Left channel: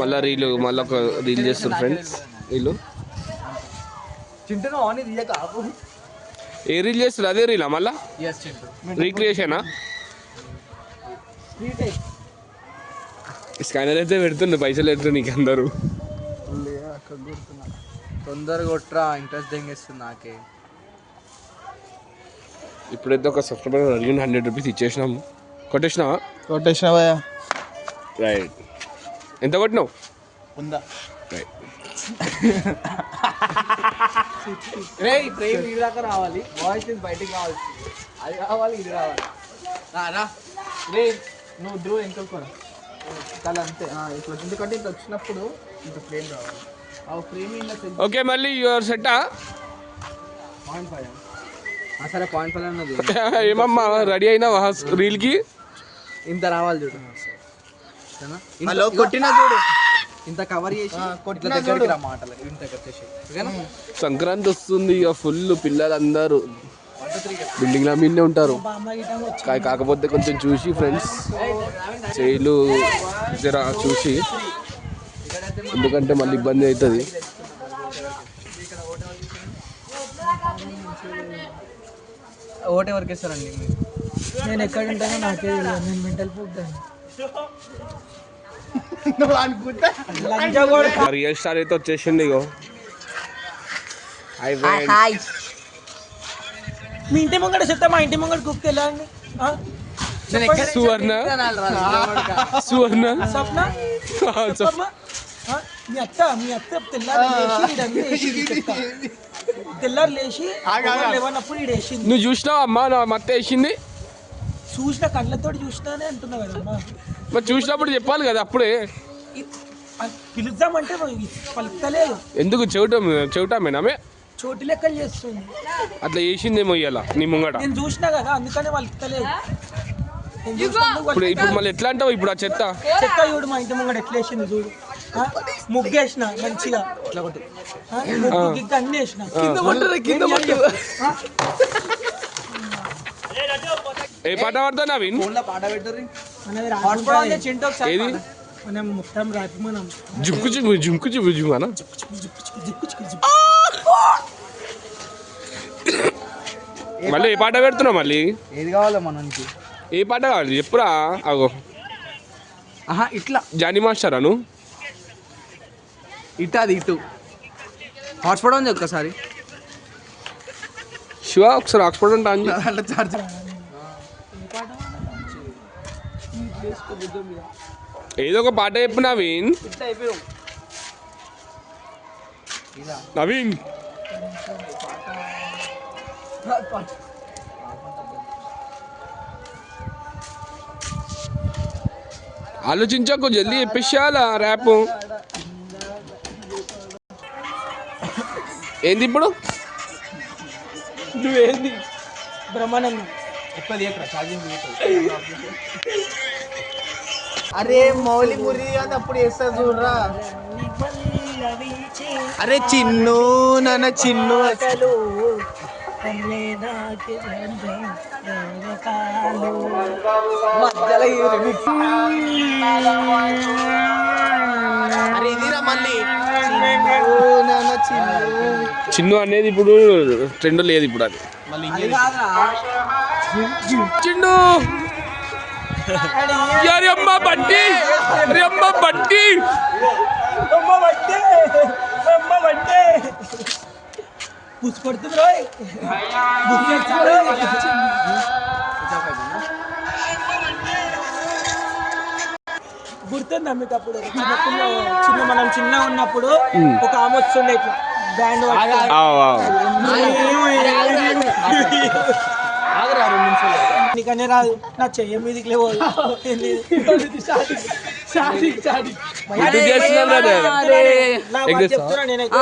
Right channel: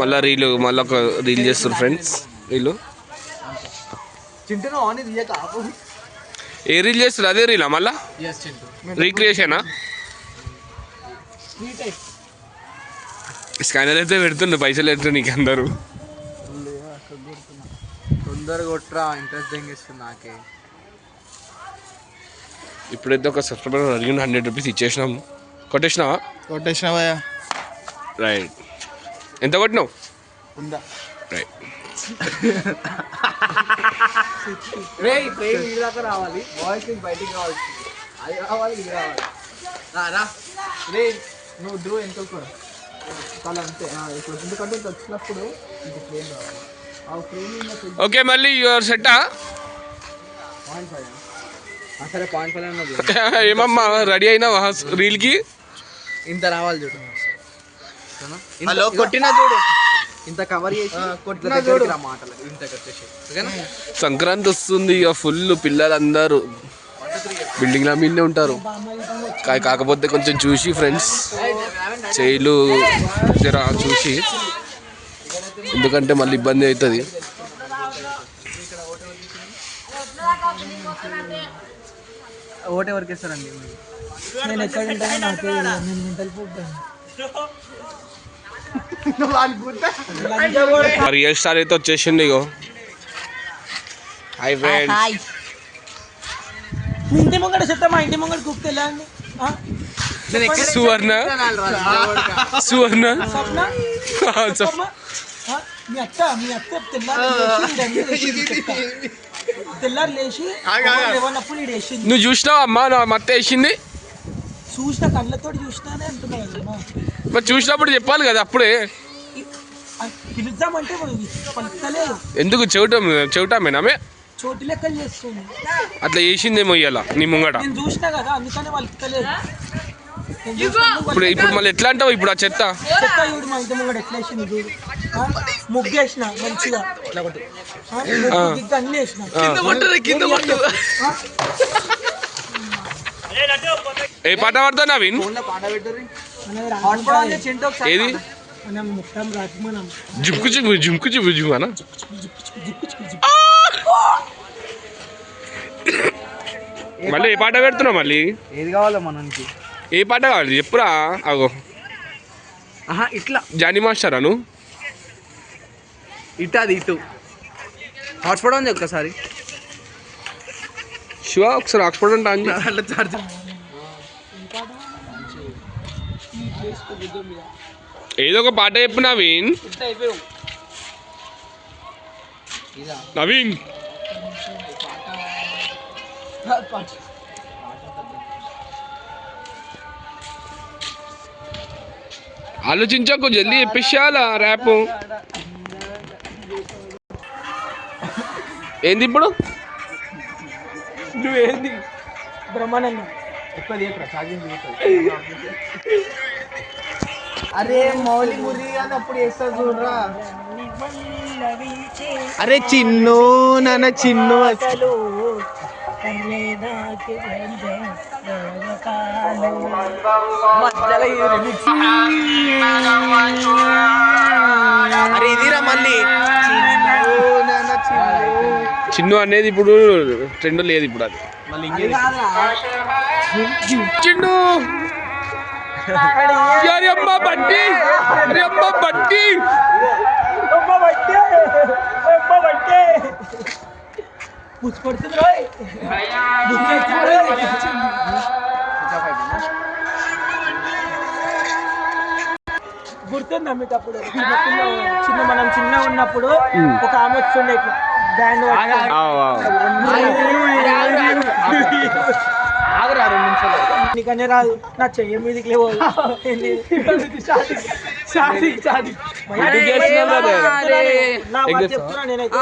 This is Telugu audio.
మళ్ళీ మళ్ళీ ఒక రీల్ చేస్తారు ఫ్రెండ్స్ వీళ్ళు. ఏ రీల్ చేస్తారు? అదే రీలా మళ్ళా రీక్రియేషనా? స్కానర్ అయితే పెడుతుండే పైసలు అయితే నీకు అందరూ తొందరగా కొట్రా ఇంట్రెస్ట్ ఇస్తుంది నాకే. ఇప్పుడైతే ఒక సబ్స్క్రైబర్ అడిగిన 100 రూపీస్ ఇచ్చేసినాము. కొట్టేసినావా? రైట్. ఎంత కొట్టినావు? రైట్. రావాలి వాయిస్ బయటికి కావాలి, అది కావాలి, ఇది కావాలి. నువ్వు డ్రూ ఎంత చాలా అంతే. ఇప్పుడు ఎందుకంటే ఇంత వచ్చినప్పుడు ఇంత ఫ్రేమ్ రావాలి. ఆ ఫ్రేమ్ ఓకే మళ్ళీ యువర్ సెట్టా? 0.5 సరే 0.5 ఏమమ్మా రెడీ అయినావా రీల్కి? ఇంత రావాలి చూడు. హలో కొట్టినా చూడు, ఇంత కవర్ చేసి కొట్టినా చూడు మాటలు ఇంత కట్టేసి. సంక్రాంతి వస్తుంది ఇక ఫుల్ పిల్లలందరూ బిల్డింగ్ల మీదనే ఉంటారు. కాకపోతే కొంచెం చూసి ఫ్రెండ్స్ చేయలు జర చూసి, ఎందుకంటే మళ్ళీ ఇబ్బంది అవుతుంది. ఓటు ఎవరికి ఇస్తారండి? నేను ఎక్కడ ఉంటానో నాకే నేను మెంటల్ రియల్ స్టార్ అయితే వచ్చేసింది. ఇగో హాయ్ ఫ్రెండ్స్. మీ ఇంటి ముంగడ చెత్త, మా ఇంటి ముంగడ కుక్కి వెళ్ళండి. సువర్ణ స్వప్న మీ అత్త తెల్లారు లేచి లేవన్నప్పుడు ఈడు వేసింది. నువ్వు చూసినావు అమ్మా నా మత్త వేసింది? చూసిన కళ్ళతో చూసినానే అంటున్నా కదమ్మా. మరి చూసినప్పుడు చెప్పాలి కదా అప్పుడే. పిలుద్దామంటే పలుకుతలేదు. ఎందుకు చెవిటామేనామే చోటు లెక్కలు చేస్తుంది. అట్లా చేసిందేమో ఇయ్యాల నీ ముంగట. నేను చూసినా కదా అందుకనే పలుకుతలేదు. ఇప్పుడు మళ్ళీ ఎట్లా అంటావు? ఇప్పుడు ఆ చెత్త చూడు మా ఇంటి ముంగట ఎట్లా వేసింది చూడు. ముగ్గేసిన మంచిగా, అన్ని వేసిన. ఏ పాట పాడతావు నవీన్? ఏది? మొత్తం రాత్రి మనం జుక్కు జుక్కు జుక్కు జుక్కు జుమ్మనా? మళ్ళీ ఏ పాట పెడుతున్నావు? మళ్ళీ ఏది కావాలో మనకి? ఏ పాట కావాలి చెప్పురా. అగో ఇట్లా జానీ మాస్టరా నువ్వు? ఇటు హాట్స్పాట్ ఉంది ఒక్కసారి. శివ ఒకసారి హాట్స్పాట్ అంటే అంజి. ఏదో ఒక పాట చెప్పు నవీన్. నవీన్ ఆలోచించకు, జల్దీ చెప్పేసాలా ర్యాప్. ఏంది ఇప్పుడు? ఏంది బ్రహ్మానందం? అరే మౌలి మురి అని అప్పుడు వేస్తా చూడరా. అరే చిన్ను నన్న చిన్ను అసలు చిన్ను అనేది ఇప్పుడు ట్రెండ్ లేదు ఇప్పుడు. అది చిన్ను అమ్మ బట్టి అమ్మ బట్టి పుచ్చుకొడుతుంది. గుర్తుందా మీకు? అప్పుడు మనం చిన్న ఉన్నప్పుడు ఒక ఆమె వస్తుండే ఇట్లా బ్యాండ్ నీకనే రాదు, నా చెయ్య మీదకి లేవు. చెప్తున్నా నేనైతే